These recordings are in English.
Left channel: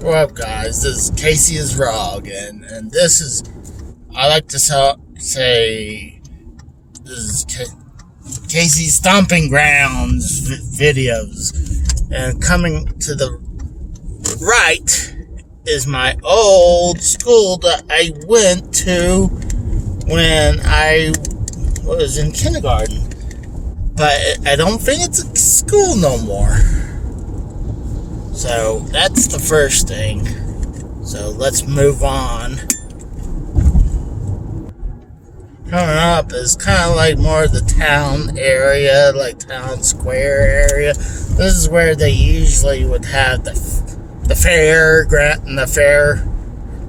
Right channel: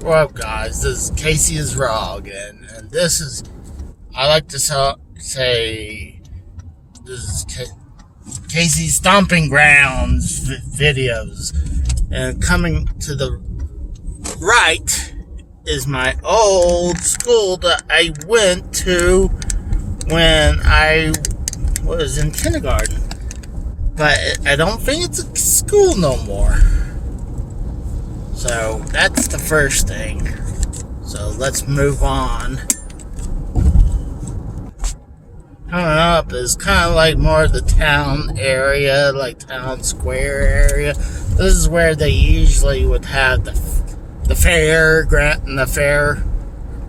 What up, guys? This is Casey is Wrong, and this is, I like to say, this is Casey's Stomping Grounds videos. And coming to the right is my old school that I went to when I was in kindergarten. But I don't think it's a school no more. So that's the first thing. So let's move on. Coming up is kind of like more of the town area, like town square area. This is where they usually would have the fair,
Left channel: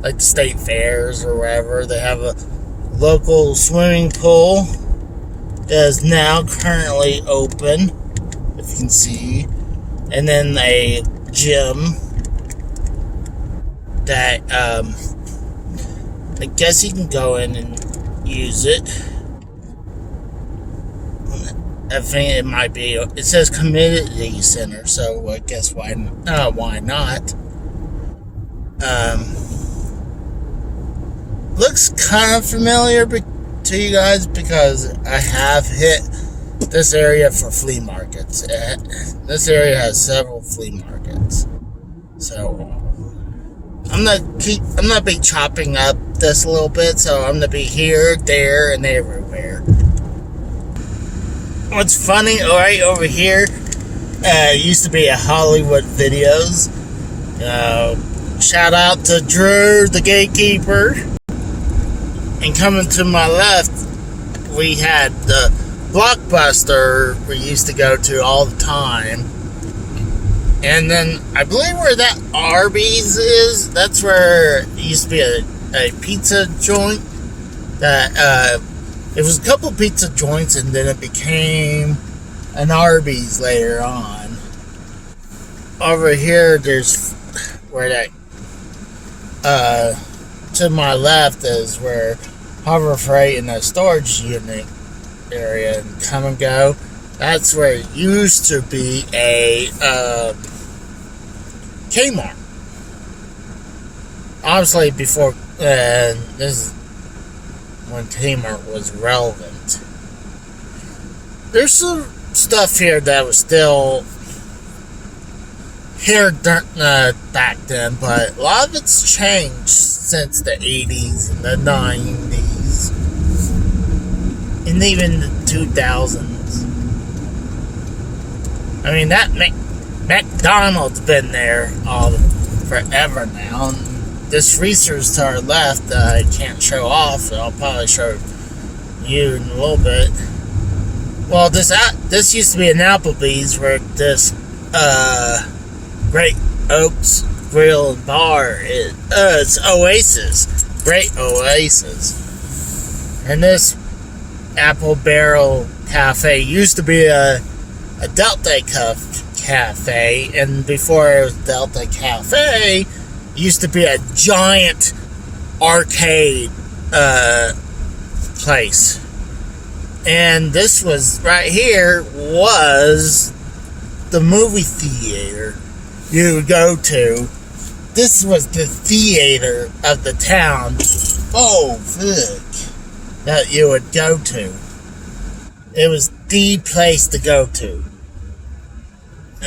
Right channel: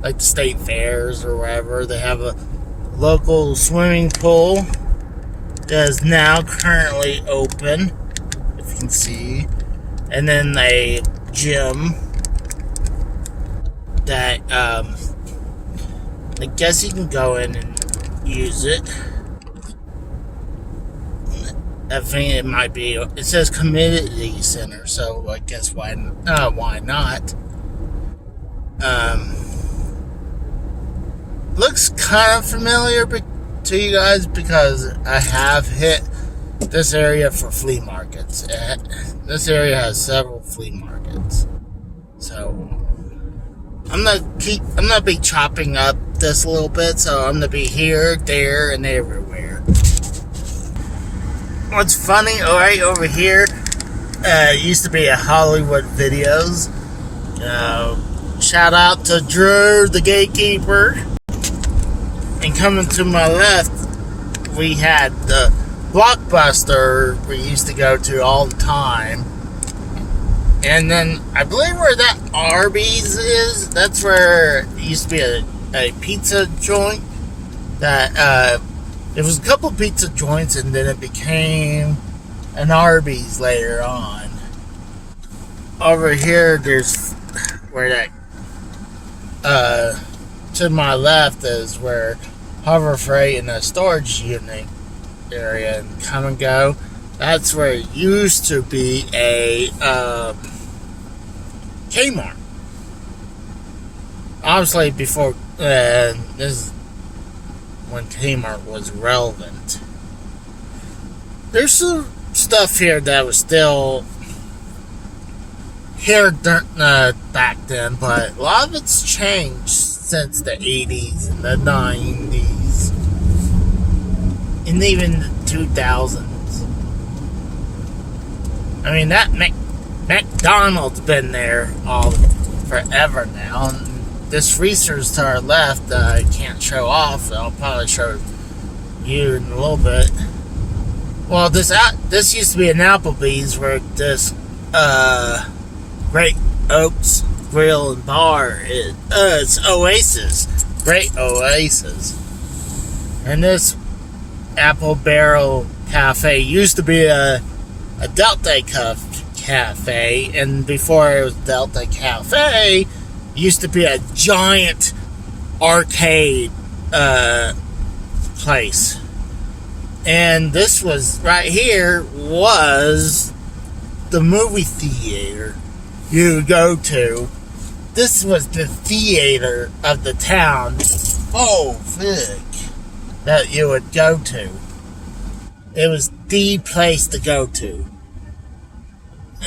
like the state fairs or wherever. They have a local swimming pool that is now currently open, if you can see. And then a gym that I guess you can go in and use it. I think it might be, it says community center, so I guess why not. Looks kind of familiar to you guys because I have hit this area for flea markets. This area has several flea markets. So I'm gonna be chopping up this a little bit, so I'm gonna be here, there, and everywhere. What's funny, right over here, used to be a Hollywood Videos. Shout out to Drew, the gatekeeper. And coming to my left, we had the Blockbuster we used to go to all the time. And then I believe where that Arby's is, that's where it used to be a pizza joint. That it was a couple pizza joints, and then it became an Arby's later on. Over here, there's where that to my left is where Harbor Freight and the storage unit area and come and go. That's where it used to be a Kmart. Obviously, before this is when Kmart was relevant. There's some stuff here that was still here back then, but a lot of it's changed since the 80s and the 90s. And even the 2000s. I mean, that McDonald's been there forever now. And this Reese's to our left that I can't show off. I'll probably show you in a little bit. Well, this used to be an Applebee's where this Great Oaks Grill and Bar is. It's Oasis. Great Oasis. And this Apple Barrel Cafe used to be a Delta Cafe, and before it was Delta Cafe, it used to be a giant arcade place. And this was right here was the movie theater you would go to. This was the theater of the town. Oh, fuck. That you would go to. It was the place to go to.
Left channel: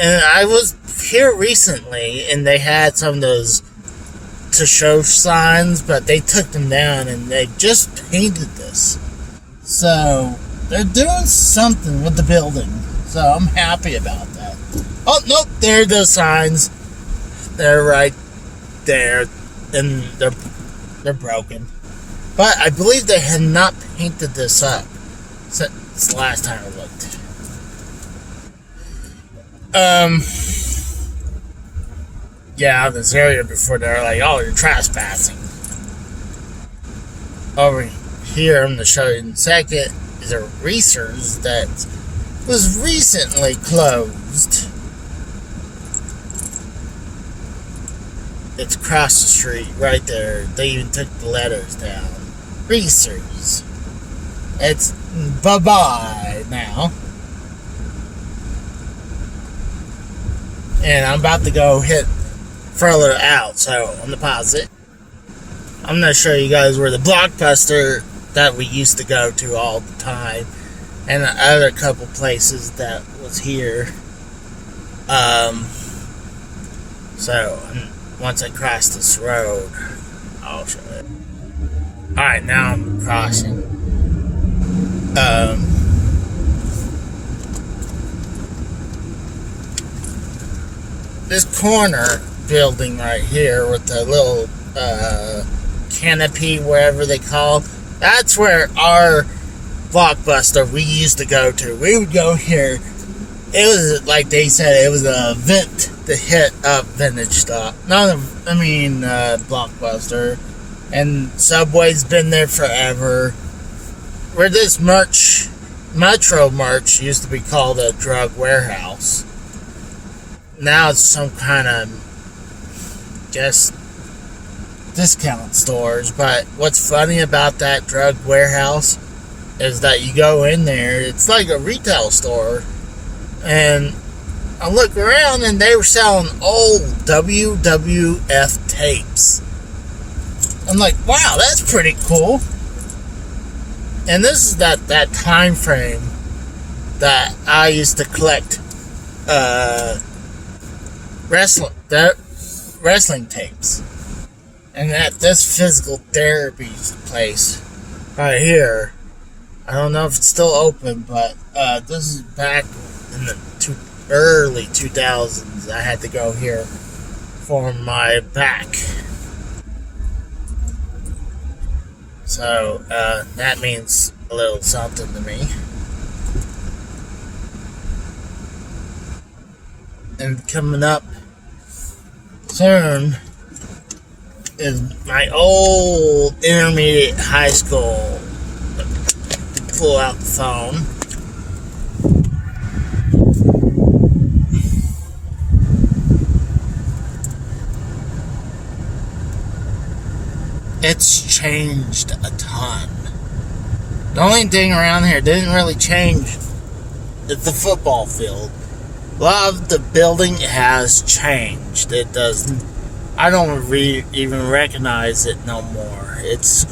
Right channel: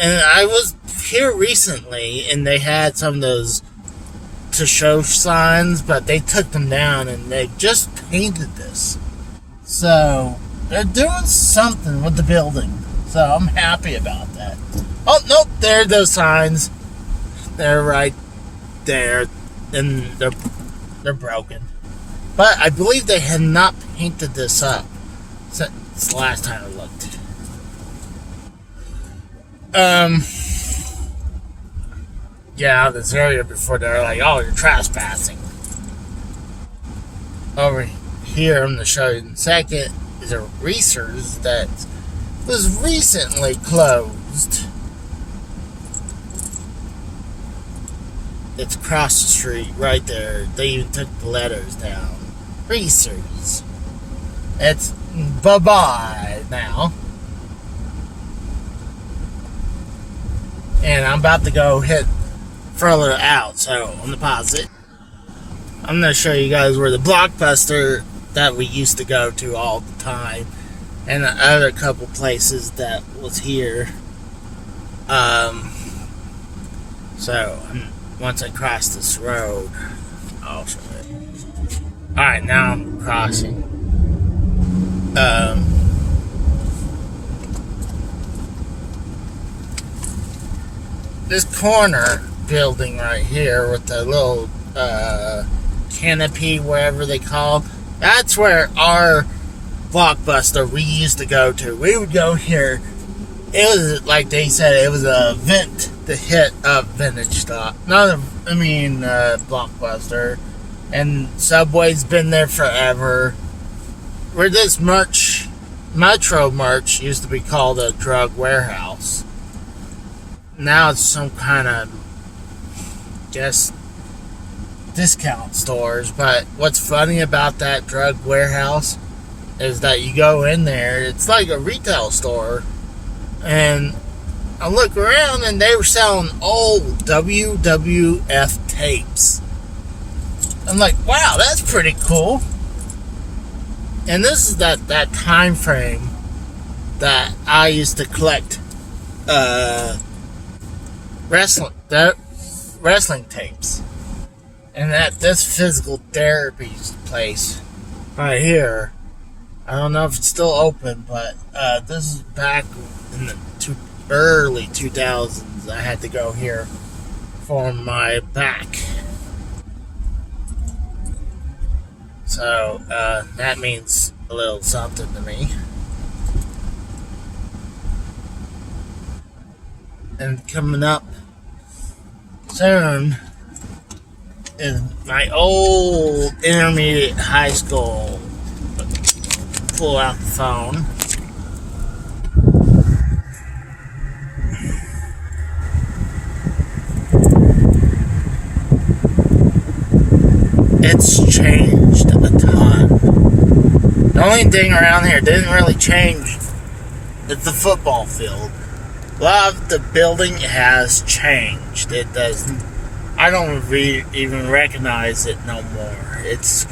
And I was here recently, and they had some of those to show signs, but they took them down, and they just painted this. So they're doing something with the building. So I'm happy about that. Oh, nope, there are those signs. They're right there, and they're broken. But I believe they had not painted this up since the last time I looked. Yeah, this area before they're like, oh, you're trespassing. Over here, I'm going to show you in a second, is a Reese's that was recently closed. It's across the street, right there. They even took the letters down. Reese's. It's bye-bye now. And I'm about to go hit further out. So on the posit, I'm going to show you guys where the Blockbuster that we used to go to all the time, and the other couple places that was here. So once I cross this road, I'll show it. Alright, now I'm crossing. This corner building right here with the little canopy, wherever they call it, that's where our Blockbuster we used to go to. We would go here. It was, like they said, it was a vent to hit up vintage stuff. Blockbuster. And Subway's been there forever. Where this Metro merch used to be called a drug warehouse. Now it's some kind of, discount stores. But what's funny about that drug warehouse is that you go in there, it's like a retail store, and I look around and they were selling old WWF tapes. I'm like, wow, that's pretty cool. And this is that time frame that I used to collect wrestling tapes. And at this physical therapy place right here, I don't know if it's still open, but this is back in the early 2000s. I had to go here for my back. So that means a little something to me. And coming up soon is my old intermediate high school. Pull out the phone. It's changed a ton. The only thing around here didn't really change is the football field. A lot of the building has changed. It doesn't. I don't even recognize it no more. It's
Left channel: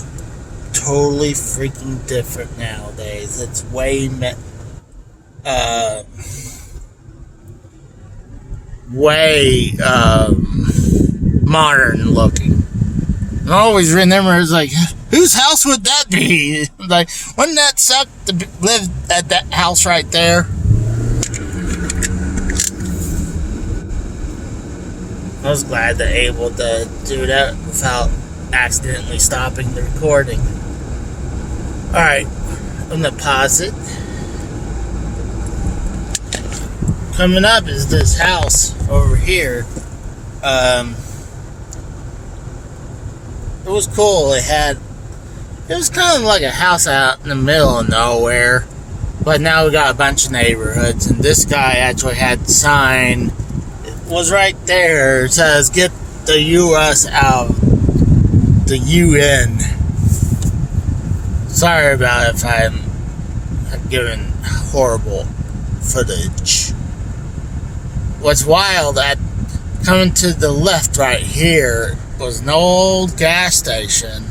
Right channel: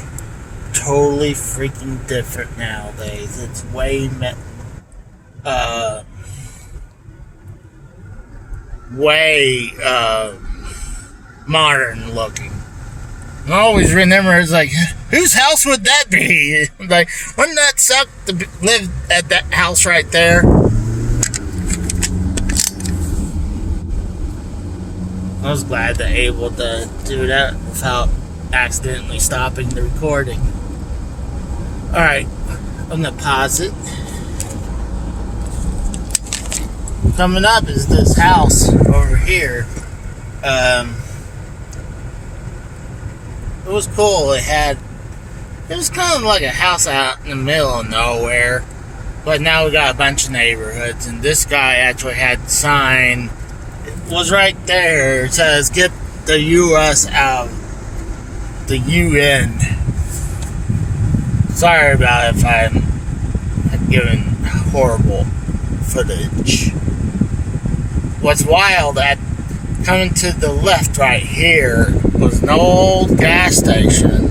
totally freaking different nowadays. It's way modern looking. I always remember, it's like, whose house would that be? Like, wouldn't that suck to live at that house right there? I was glad to able to do that without accidentally stopping the recording. Alright, I'm gonna pause it. Coming up is this house over here. It was cool. It was kind of like a house out in the middle of nowhere, but now we got a bunch of neighborhoods, and this guy actually had the sign. It was right there. It says, "Get the U.S. out of the UN." Sorry about if I'm giving horrible footage. What's wild, at coming to the left right here was an old gas station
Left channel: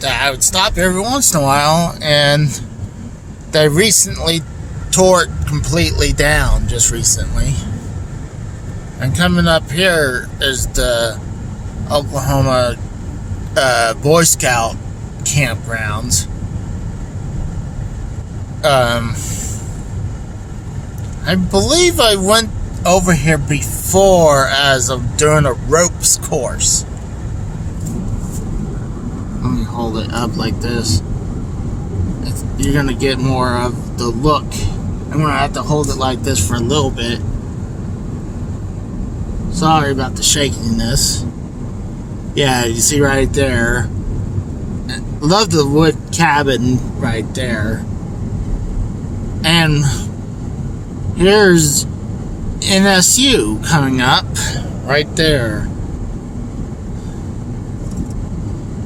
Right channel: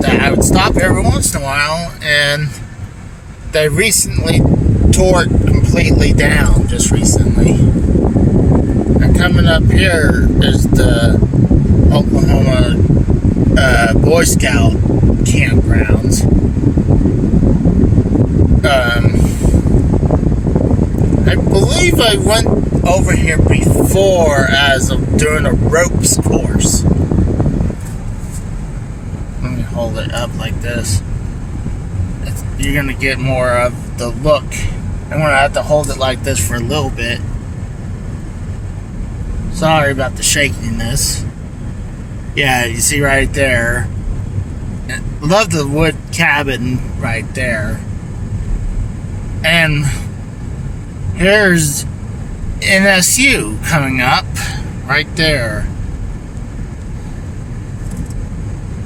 that I would stop every once in a while, and they recently tore it completely down, just recently. And coming up here is the Oklahoma Boy Scout campgrounds. I believe I went over here before as of doing a ropes course. Let me hold it up like this. You're gonna get more of the look. I'm gonna have to hold it like this for a little bit. Sorry about the shakiness. Yeah, you see right there. Love the wood cabin right there. And here's NSU coming up right there.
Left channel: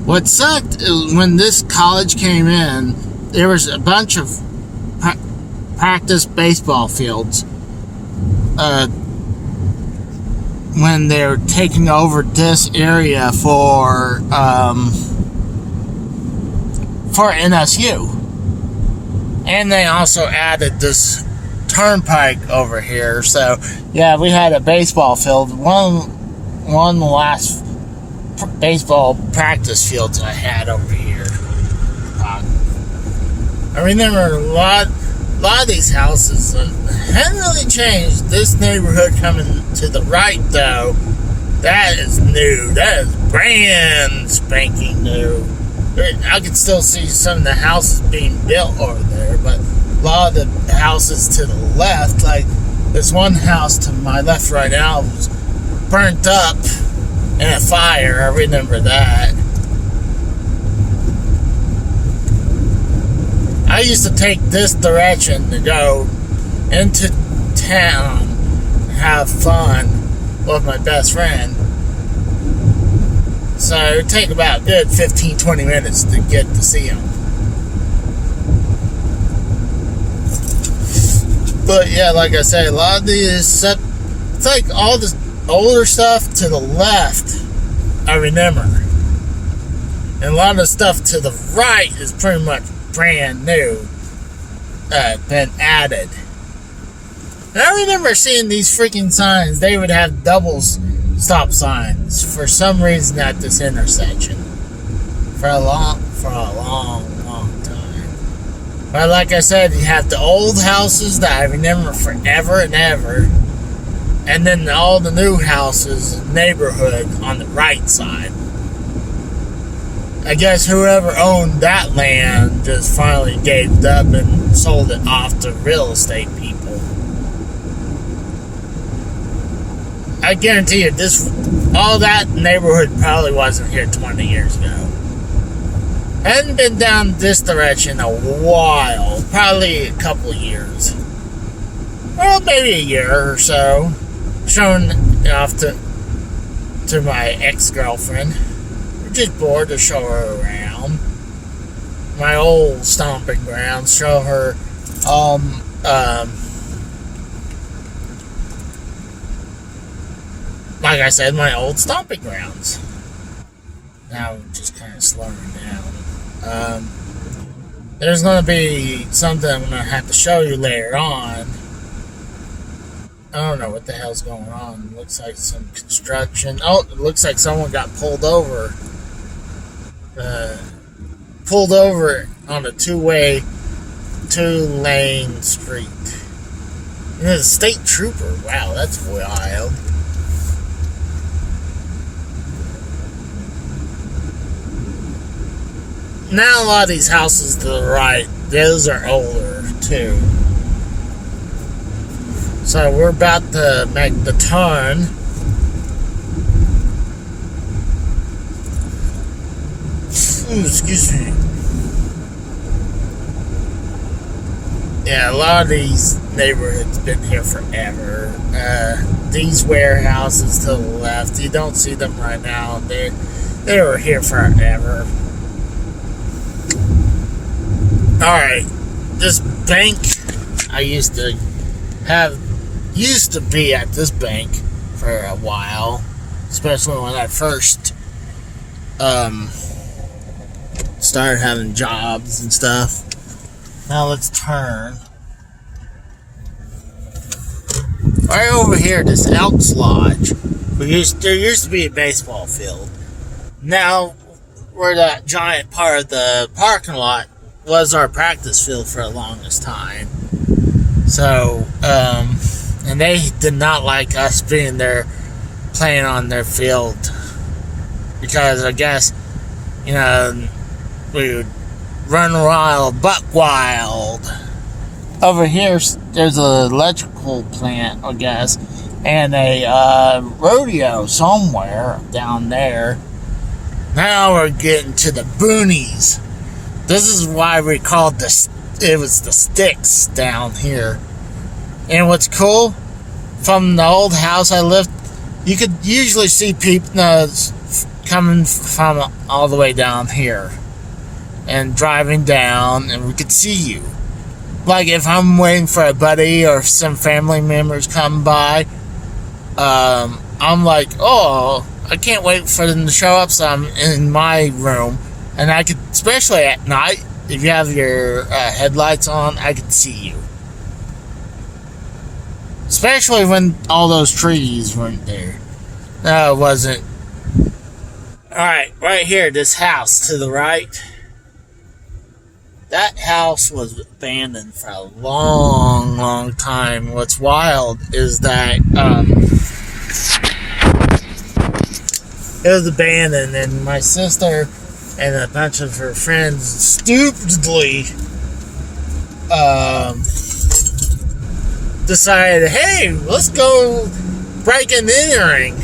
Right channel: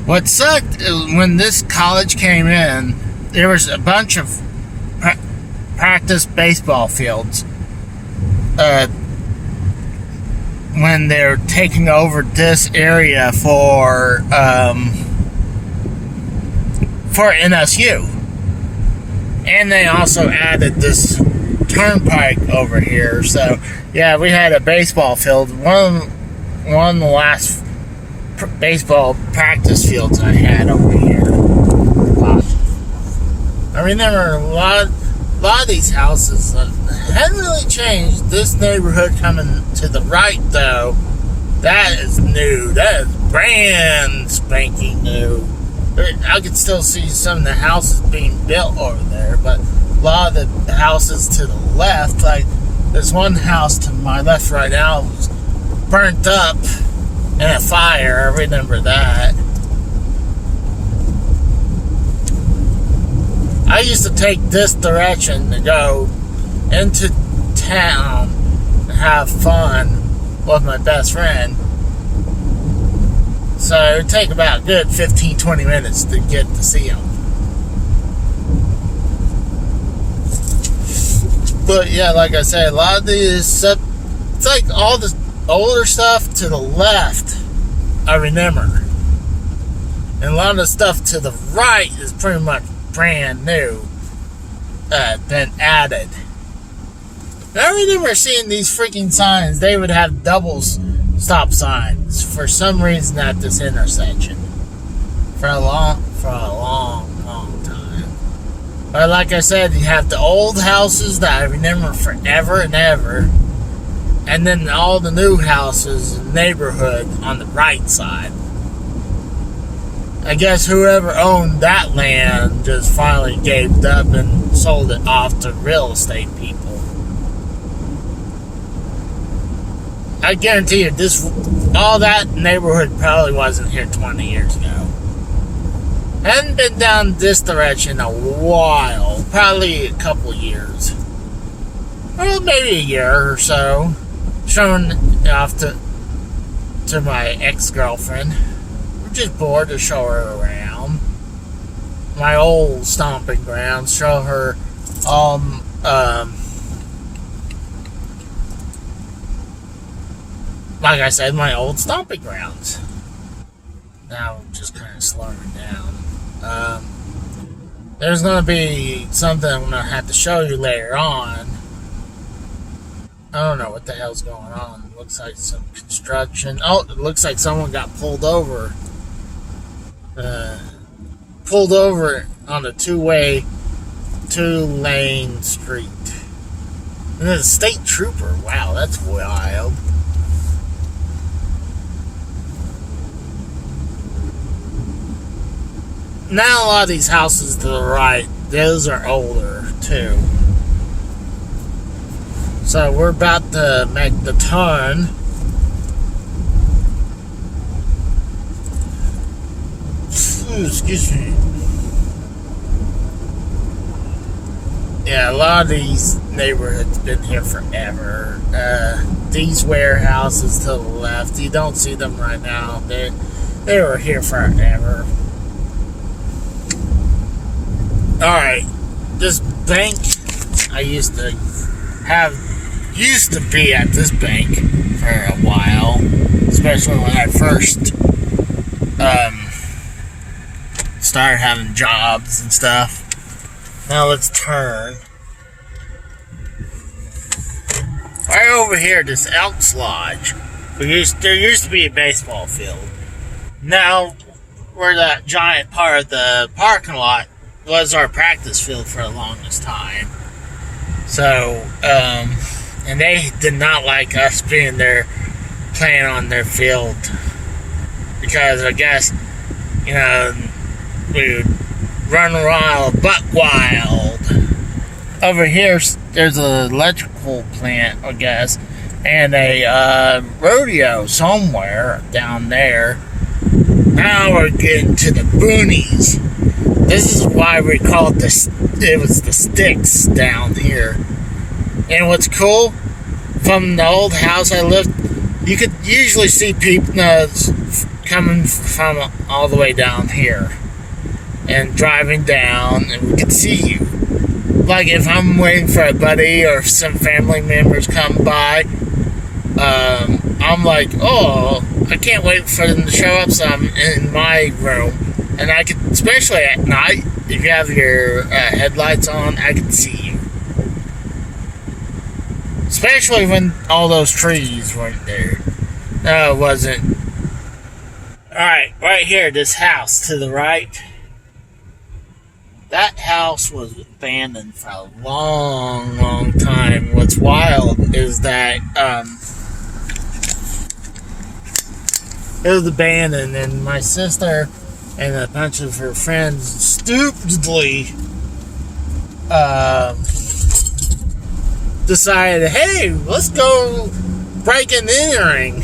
What sucked is when this college came in, there was a bunch of practice baseball fields when they're taking over this area for NSU. And they also added this turnpike over here. So, yeah, we had a baseball field. One of the last baseball practice fields I had over here. I remember a lot of these houses hadn't really changed. This neighborhood coming to the right, though, that is new. That is brand spanking new. I can still see some of the houses being built over there, but a lot of the houses to the left, like there's one house to my left right now, was burnt up in a fire. I remember that. I used to take this direction to go into town and have fun with my best friend. So it would take about a good 15-20 minutes to get to see him. But yeah, like I said, a lot of these, it's like all the older stuff to the left, I remember. And a lot of the stuff to the right is pretty much brand new, been added. And I remember seeing these freaking signs. They would have double stop signs for some reason at this intersection for a long time. But like I said, you have the old houses that I remember forever and ever, and then all the new houses in the neighborhood on the right side. I guess whoever owned that land just finally gave up and sold it off to real estate people. I guarantee you, all that neighborhood probably wasn't here 20 years ago. Hadn't been down this direction a while, probably a couple years. Well, maybe a year or so. Showing off to my ex-girlfriend. Just bored to show her around my old stomping grounds, show her like I said, my old stomping grounds. Now I'm just kind of slowing down. There's going to be something I'm going to have to show you later on. I don't know what the hell's going on. It looks like some construction. Oh, it looks like someone got pulled over. Pulled over on a two-lane street. And there's a state trooper. Wow, that's wild. Now a lot of these houses to the right, those are older too. So we're about to make the turn. Excuse me. Yeah, a lot of these neighborhoods been here forever. These warehouses to the left, you don't see them right now. They were here forever. Alright, this bank I used to be at this bank for a while, especially when I first started having jobs and stuff. Now let's turn. Right over here, this Elks Lodge. There used to be a baseball field. Now, where that giant part of the parking lot was our practice field for the longest time. So, and they did not like us being there playing on their field. Because I guess, we would run wild, buck wild. Over here, there's an electrical plant, I guess, and a rodeo somewhere down there. Now we're getting to the boonies. This is why we called it was the sticks down here. And what's cool, from the old house I lived, you could usually see people coming from all the way down here and driving down, and we could see you. Like if I'm waiting for a buddy or some family members come by, I'm like, oh, I can't wait for them to show up some in my room. And I could, especially at night, if you have your headlights on, I could see you. Especially when all those trees weren't there. No, it wasn't. Alright, right here, this house to the right. That house was abandoned for a long, long time. What's wild is that it was abandoned, and my sister and a bunch of her friends stupidly decided, hey, let's go break and entering.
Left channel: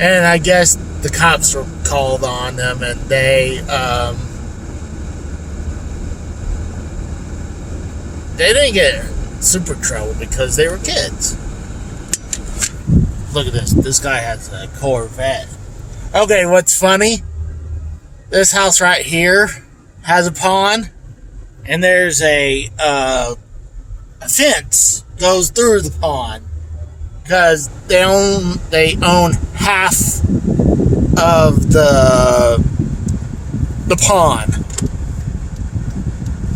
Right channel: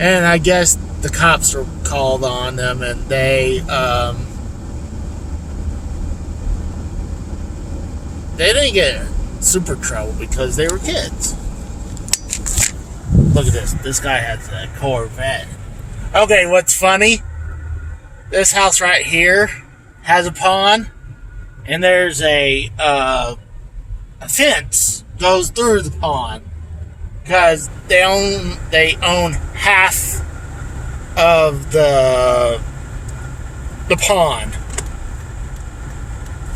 And I guess the cops were called on them, and they didn't get super trouble because they were kids. Look at this. This guy has a Corvette. Okay, what's funny? This house right here has a pond, and there's a fence goes through the pond because they own half of the pond.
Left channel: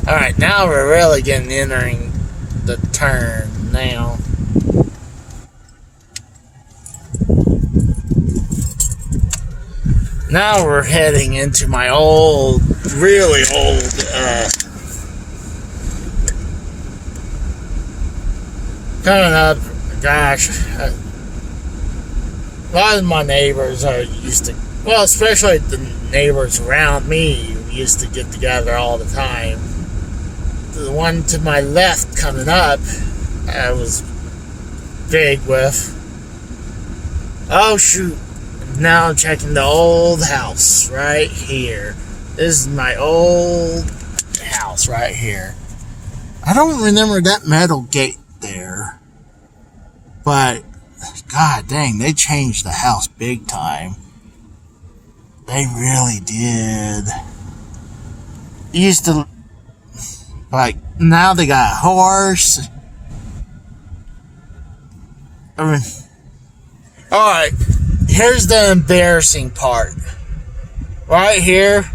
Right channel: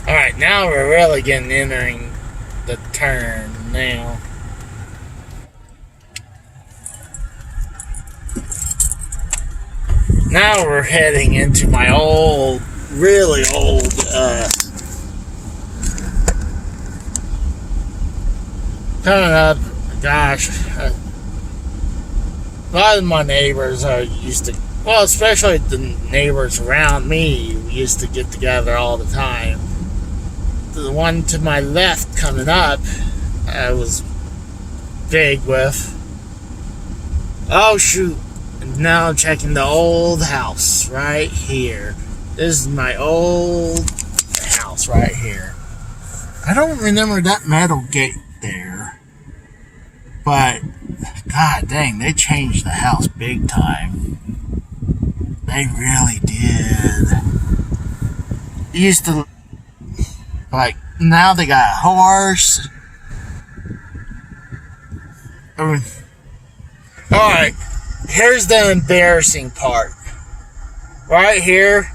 All right, now we're really entering the turn now. Now we're heading into my old, really old, coming up, gosh, a lot of my neighbors are used to, well, especially the neighbors around me, used to get together all the time. The one to my left coming up, I was big with. Oh, shoot. Now I'm checking the old house right here. This is my old house right here. I don't remember that metal gate there. But, god dang, they changed the house big time. They really did. It used to, like, now they got a horse. I mean, alright. Here's the embarrassing part. Right here,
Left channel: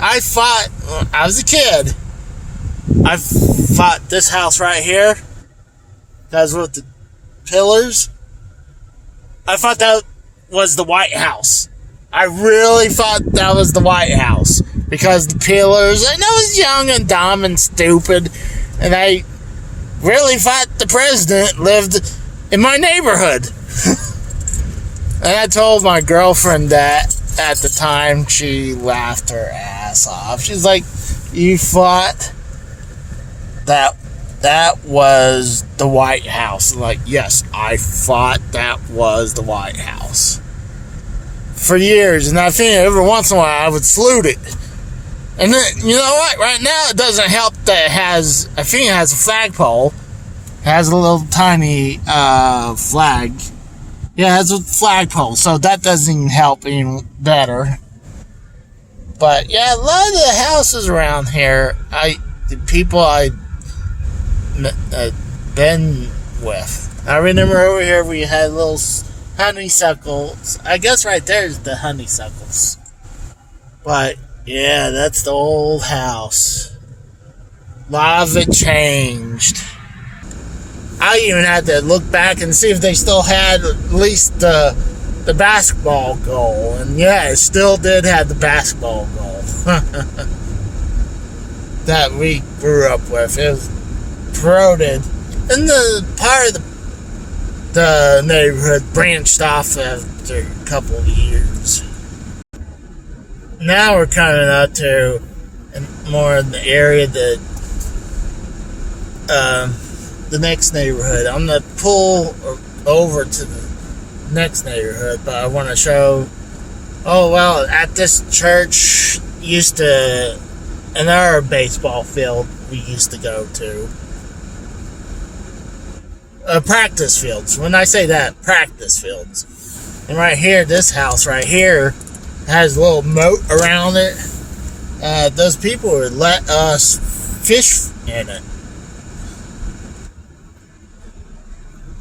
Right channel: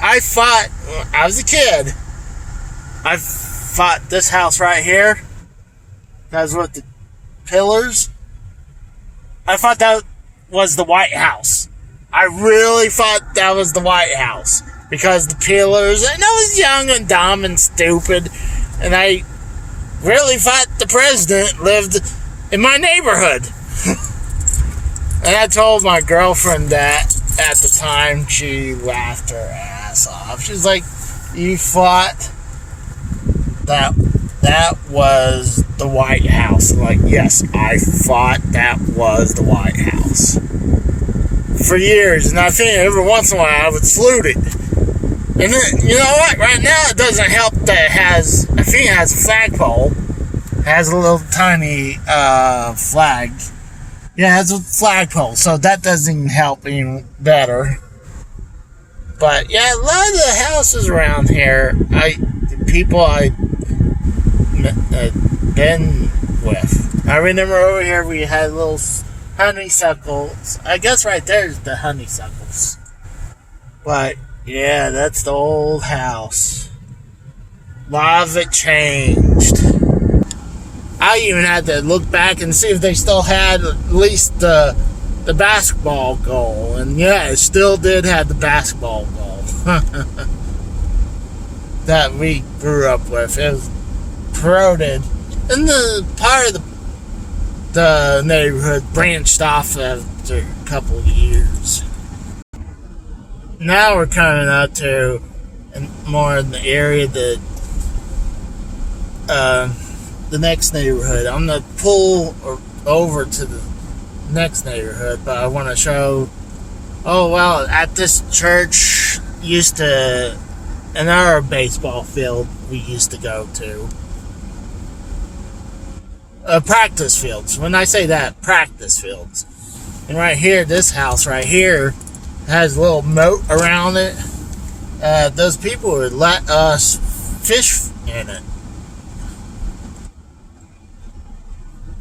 I was a kid. I fought this house right here. That's with the pillars. I thought that was the White House. I really thought that was the White House. Because the pillars, and I was young and dumb and stupid. And I really thought the president lived in my neighborhood. And I told my girlfriend that at the time. She laughed her ass off. She's like, you thought that was the White House? I'm like, yes, I thought that was the White House for years. And I think every once in a while I would salute it. And then, you know what, right now it doesn't help that I think it has a flagpole. It has a little tiny flag. Yeah, it has a flagpole, so that doesn't even help any better. But yeah, a lot of the houses around here, the people I've been with. I remember over here we had little honeysuckles. I guess right there is the honeysuckles. But yeah, that's the old house. A lot of it changed. I even had to look back and see if they still had at least the basketball goal. And yeah, it still did have the basketball goal. That we grew up with. It was corroded. And the part of the neighborhood branched off after a couple of years. Now we're coming up to more in the area that the next neighborhood. I'm going to pull over to the next neighborhood, but I want to show, oh, well, at this church another baseball field we used to go to. Practice fields. When I say that, practice fields. And right here, this house right here has a little moat around it. Those people would let us fish in it.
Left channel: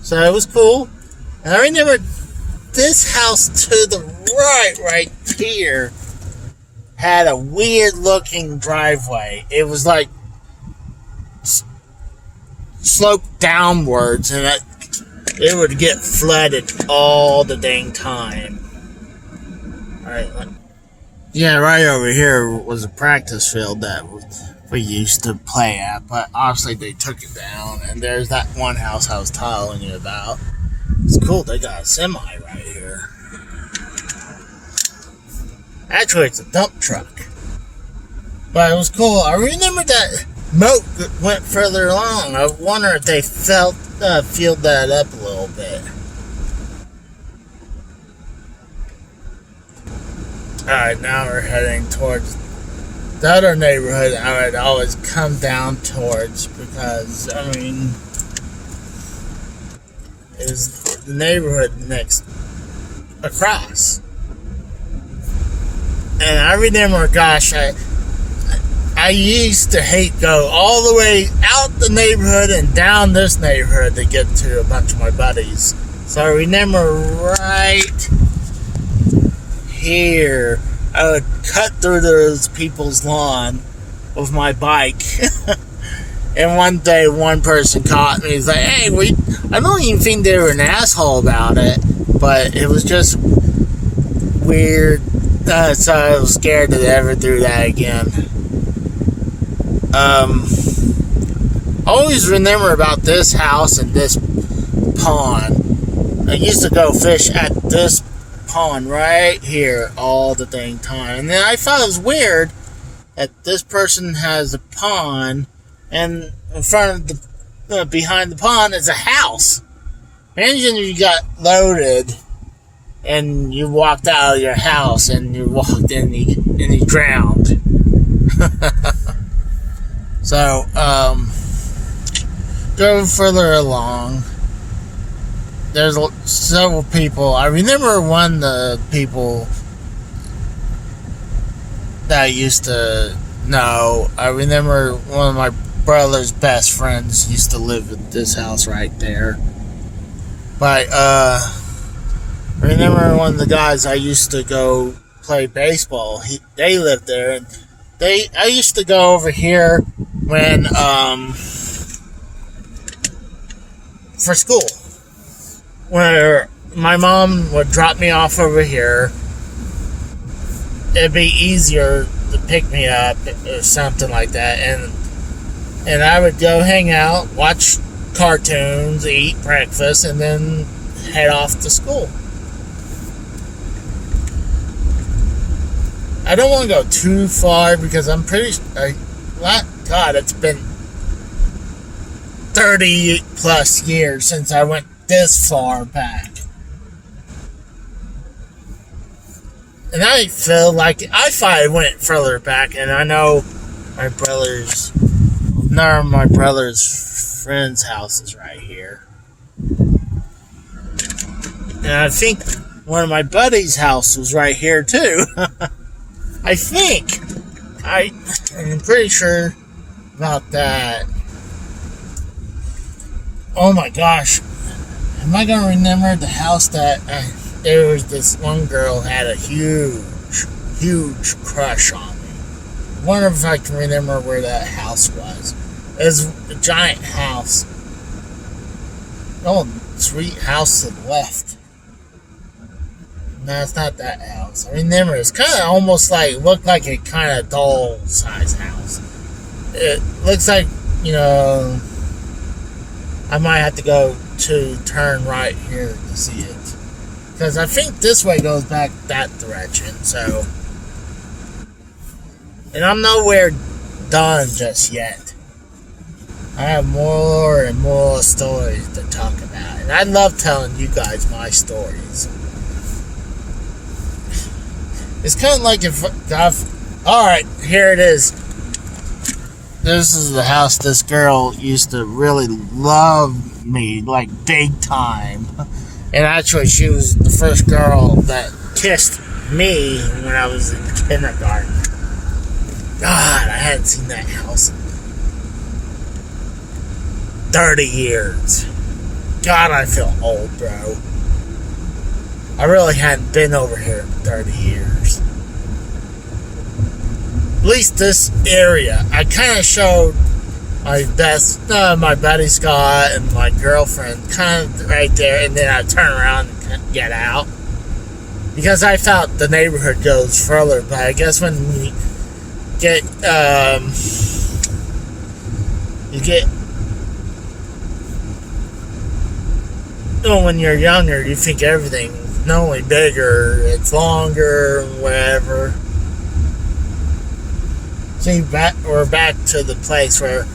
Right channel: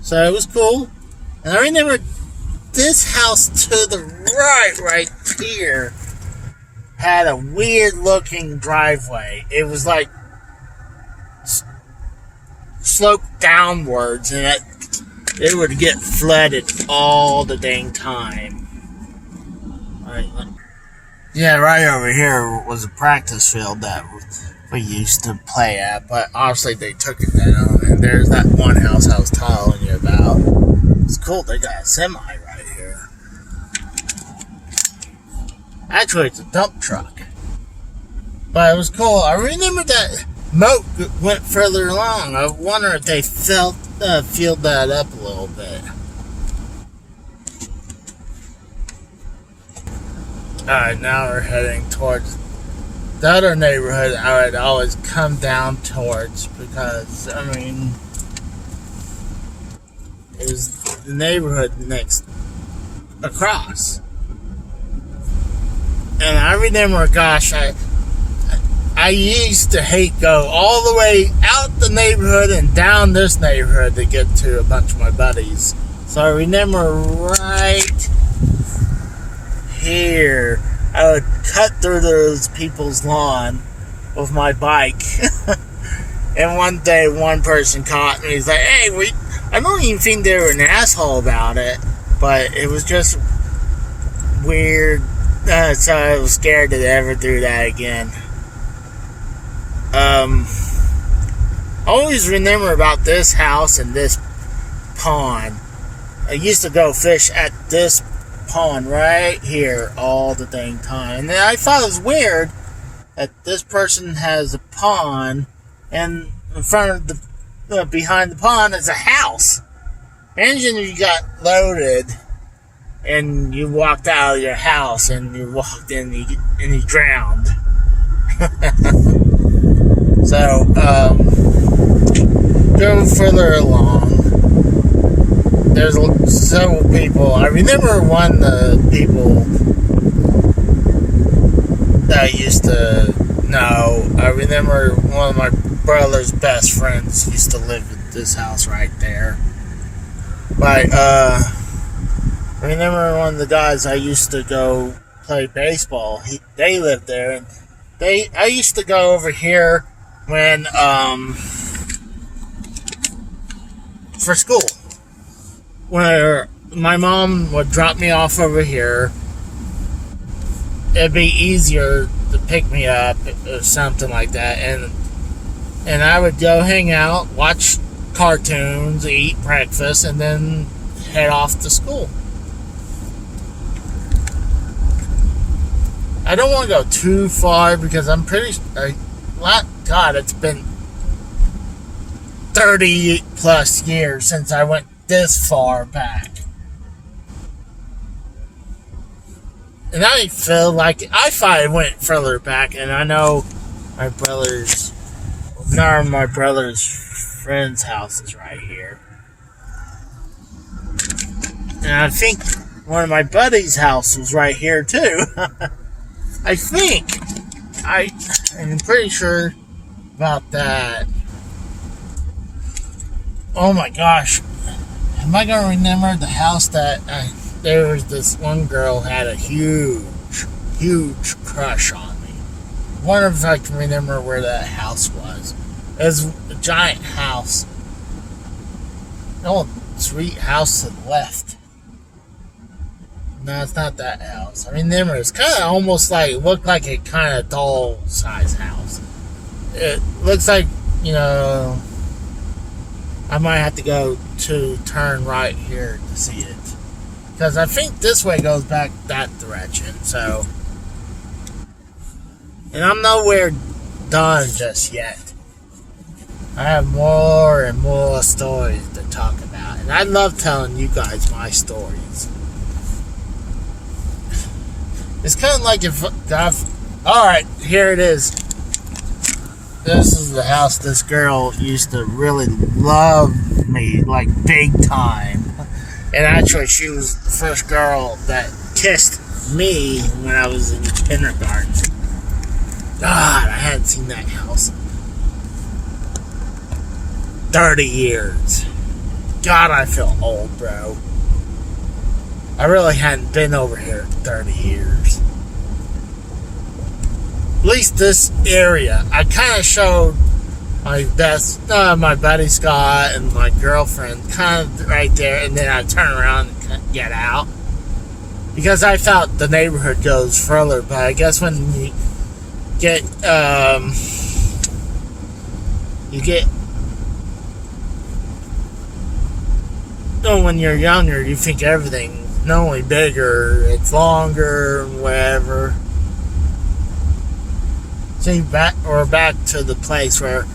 So it was cool. And I remember this house to the right here, had a weird looking driveway. It was like sloped downwards, and it would get flooded all the dang time. Alright. Yeah, right over here was a practice field that we used to play at, but obviously they took it down, and there's that one house I was telling you about. It's cool, they got a semi right here. Actually, it's a dump truck. But it was cool. I remember that moat went further along. I wonder if they filled that up a little bit. Alright, now we're heading towards the other neighborhood I would always come down towards because, I mean, is the neighborhood next across. And I remember, gosh, I used to hate go all the way out the neighborhood and down this neighborhood to get to a bunch of my buddies. So I remember right here, I would cut through those people's lawn with my bike. And one day, one person caught me. He's like, "Hey, I don't even think they were an asshole about it, but it was just weird." So I was scared to ever do that again. I always remember about this house and this pond. I used to go fish at this pond right here all the dang time. And then I thought it was weird that this person has a pond, and in front of behind the pond is a house. Imagine you got loaded and you walked out of your house and you walked in and you drowned. So, go further along. There's several people. I remember one of the people that I used to know. I remember one of my brother's best friends used to live at this house right there. But, I remember one of the guys I used to go play baseball. They lived there, and I used to go over here when for school, where my mom would drop me off over here. It'd be easier to pick me up or something like that, and I would go hang out, watch cartoons, eat breakfast, and then head off to school. I don't want to go too far because I'm pretty... God, it's been 30 plus years since I went this far back. And I feel like... I thought I went further back, and I know my brother's... None of my brother's friend's house is right here. And I think one of my buddy's house was right here, too. I think. I'm pretty sure about that. Oh my gosh. Am I going to remember the house that there was this one girl had a huge crush on me? I wonder if I can remember where that house was. It was a giant house. Oh, sweet house to the left. No, it's not that house. I remember it's kind of almost like, looked like a kind of doll size house. It looks like, I might have to go to turn right here to see it. Because I think this way goes back that direction, so. And I'm nowhere done just yet. I have more and more stories to talk about. And I love telling you guys my stories. It's kind of like if alright, here it is. This is the house this girl used to really love me, like big time. And actually, she was the first girl that kissed me when I was in kindergarten. God, I hadn't seen that house in 30 years. God, I feel old, bro. I really hadn't been over here in 30 years. At least this area. I kind of showed my buddy Scott and my girlfriend kind of right there, and then I turn around and get out. Because I felt the neighborhood goes further, but I guess when you get, when you're younger, you think everything's not only bigger, it's longer, whatever. See, we're back to the place where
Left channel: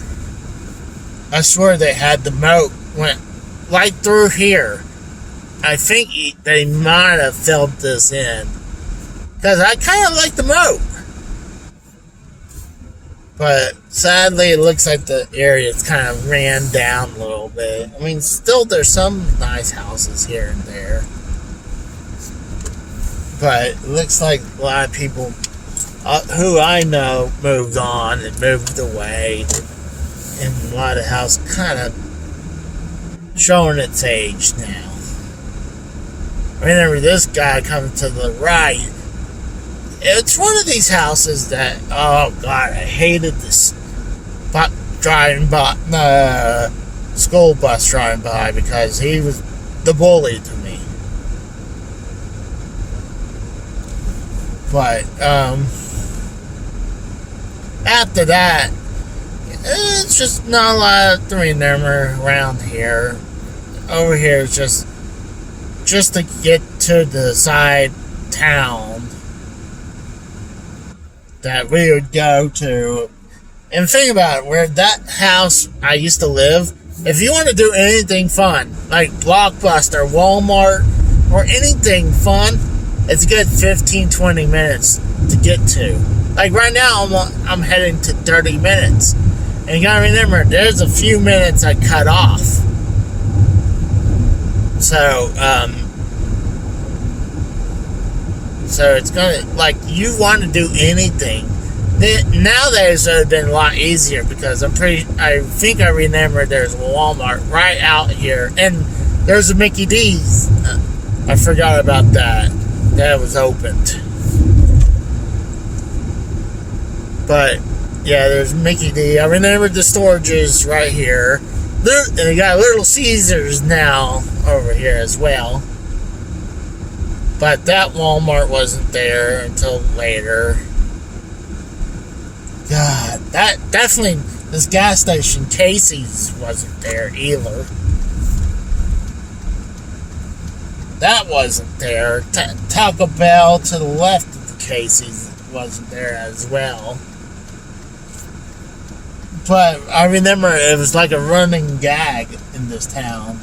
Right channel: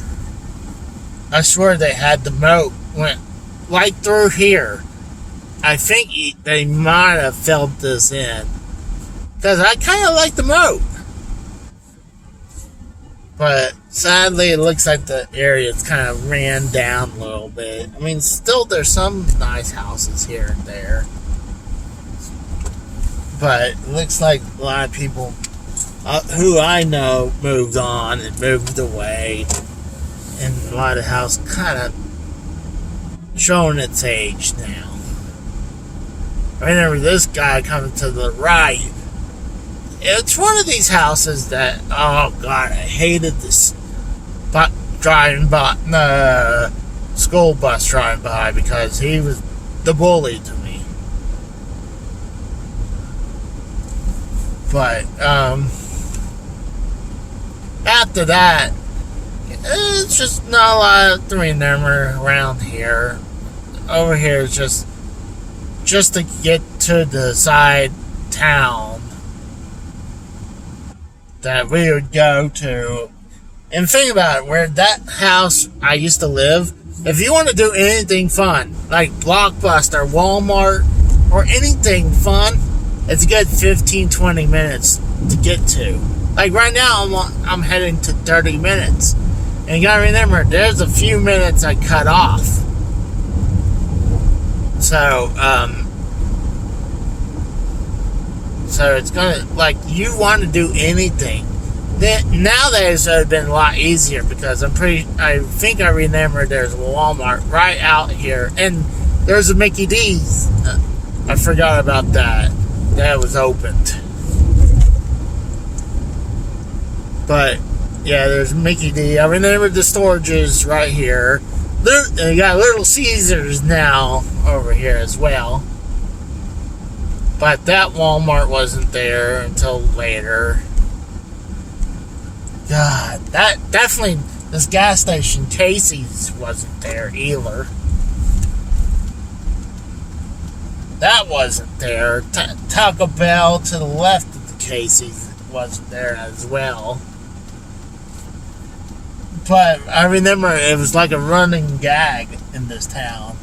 I swear they had the moat went right through here. I think they might have filled this in. Because I kind of like the moat. But sadly, it looks like the area's kind of ran down a little bit. I mean, still there's some nice houses here and there. But it looks like a lot of people who I know moved on and moved away. And a lot of house kind of showing its age now. I remember this guy coming to the right. It's one of these houses that, oh God, I hated this driving by, the school bus driving by because he was the bully to me. But, after that, it's just not a lot to remember around here. Over here is just to get to the side town that we would go to. And think about it, where that house I used to live, if you want to do anything fun, like Blockbuster, Walmart, or anything fun, it's a good 15-20 minutes to get to. Like right now, I'm heading to 30 minutes. And you gotta remember, there's a few minutes I cut off. So it's gonna, like, you want to do anything. Then, nowadays it would have been a lot easier because I think I remember there's a Walmart right out here. And there's a Mickey D's. I forgot about that. That was opened. But, yeah, there's Mickey D. I remember the storages right here. You got Little Caesars now over here as well. But that Walmart wasn't there until later. God, that definitely, this gas station, Casey's, wasn't there either. That wasn't there. Taco Bell to the left of the Casey's wasn't there as well. But I remember it was like a running gag in this town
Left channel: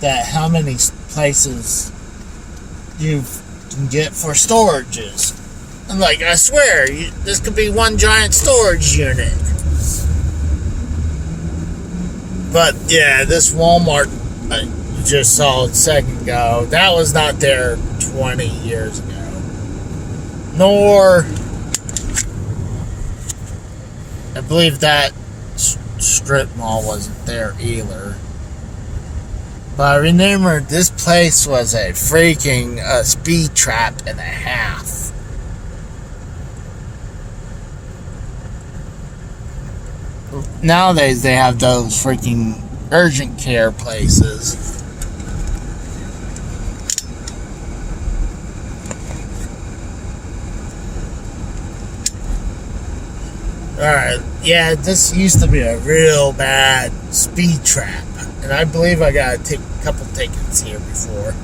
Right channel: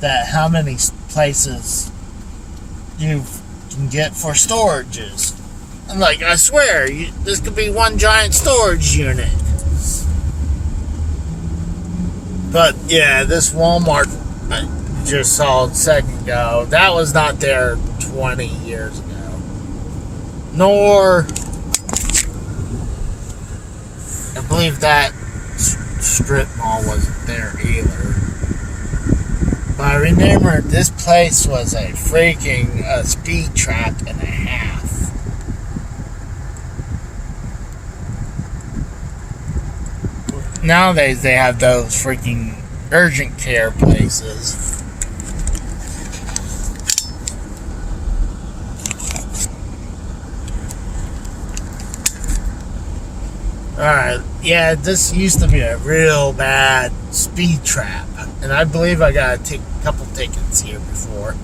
that how many places you can get for storages. I'm like, I swear, this could be one giant storage unit. But yeah, this Walmart you just saw a second ago, that was not there 20 years ago. Nor, I believe that strip mall wasn't there either. But I remember this place was a freaking speed trap and a half. Nowadays they have those freaking urgent care places. Alright, yeah, this used to be a real bad speed trap. And I believe I got a couple tickets here before.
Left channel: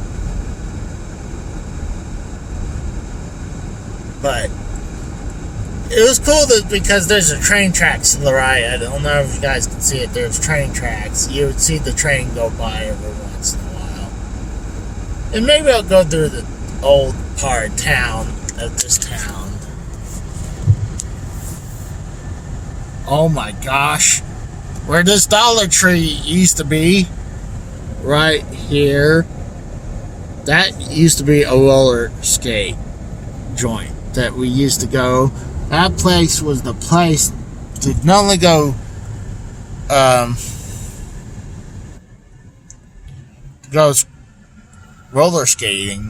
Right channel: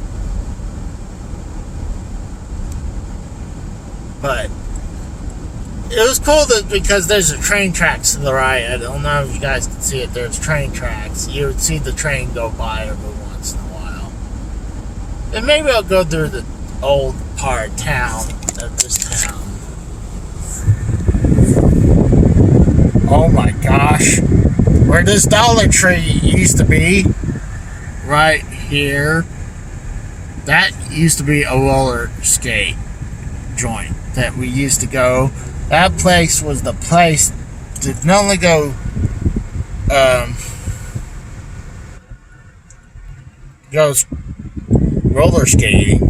But it was cool because there's a train tracks to the right. I don't know if you guys can see it. There's train tracks. You would see the train go by every once in a while. And maybe I'll go through the old part of town, of this town. Oh my gosh. Where this Dollar Tree used to be, right here, that used to be a roller skate joint that we used to go. That place was the place to not only go goes roller skating.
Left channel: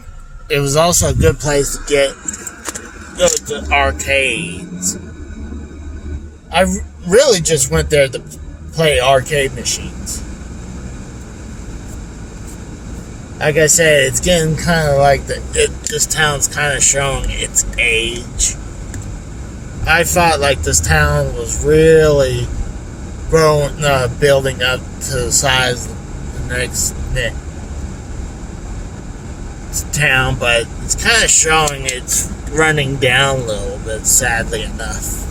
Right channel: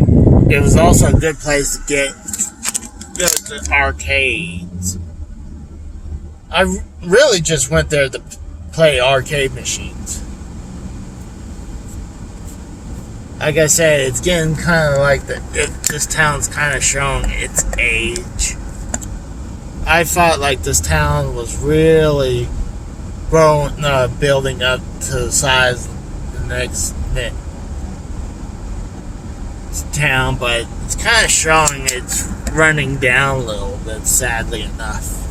It was also a good place to go to arcades. I really just went there to play arcade machines. Like I said, it's getting kind of like this town's kind of showing its age. I felt like this town was really building up to the size of the next town, but it's kind of showing it's running down a little bit, sadly enough.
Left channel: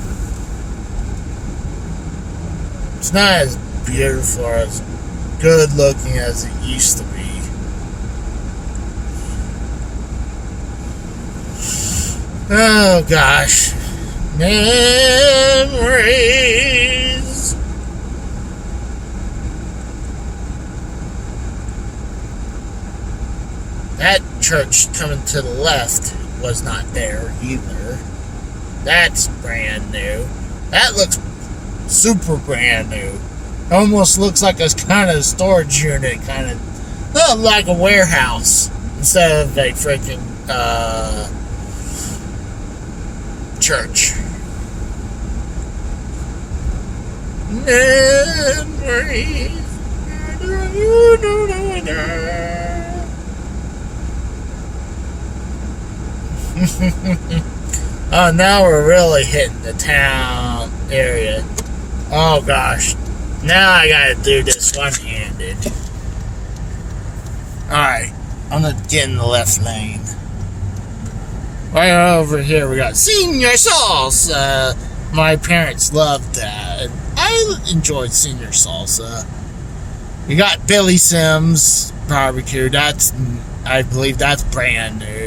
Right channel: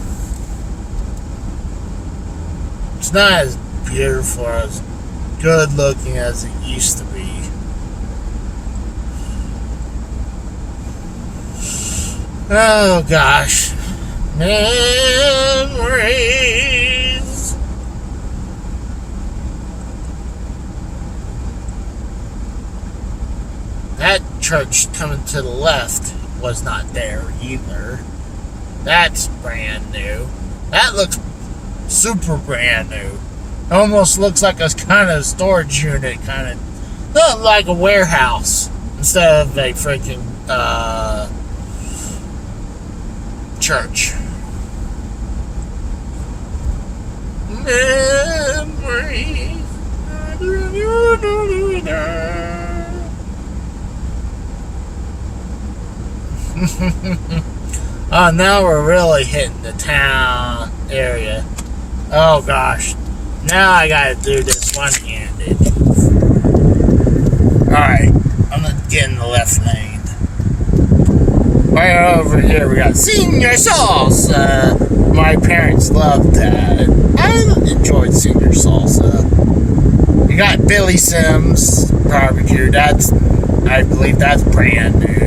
It's not as beautiful, as good looking as it used to be. Oh gosh. Memories. That church coming to the left was not there either. That's brand new. That looks super brand new. Almost looks like a kind of storage unit, kind of like a warehouse instead of a freaking church. Memories. Oh, now we're really hitting the town area. Oh gosh. Now I gotta do this one-handed. Alright, I'm gonna get in the left lane. Right over here we got Senior Salsa. My parents loved that. I enjoyed Senior Salsa. You got Billy Sims Barbecue. I believe that's brand new.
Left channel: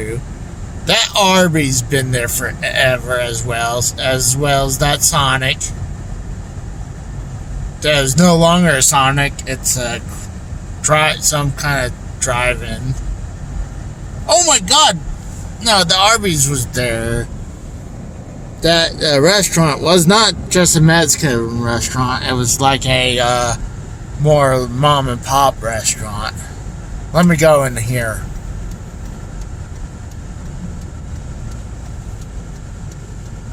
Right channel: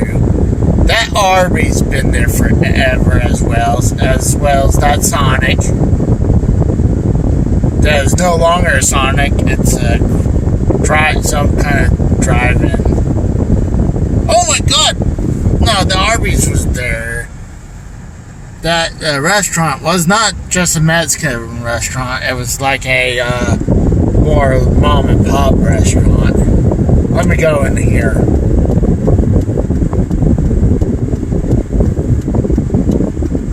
That Arby's been there forever as well as that Sonic. There's no longer a Sonic. It's some kind of drive-in. Oh my god! No, the Arby's was there. That restaurant was not just a Mexican restaurant. It was like a more mom and pop restaurant. Let me go in here.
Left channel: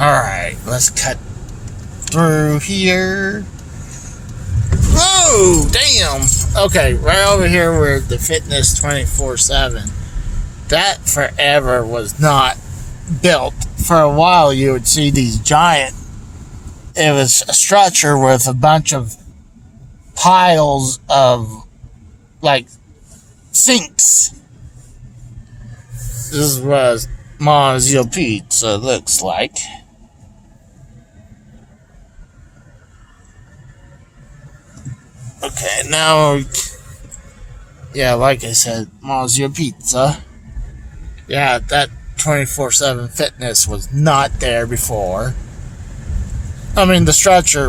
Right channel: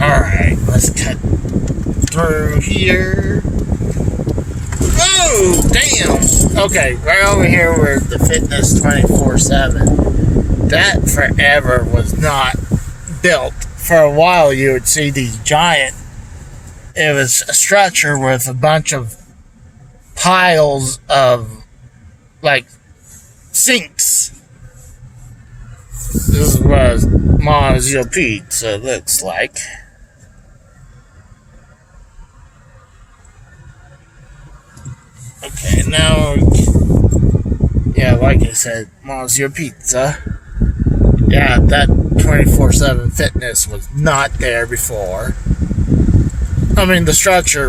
Alright, let's cut through here. Oh, damn! Okay, right over here where the Fitness 24/7. That forever was not built. For a while, you would see these giant. It was a structure with a bunch of piles of, like, sinks. This is what Mozzie Pizza looks like. Okay, now, yeah, like I said, Mozzie Pizza. Yeah, that 24/7 Fitness was not there before. I mean, the structure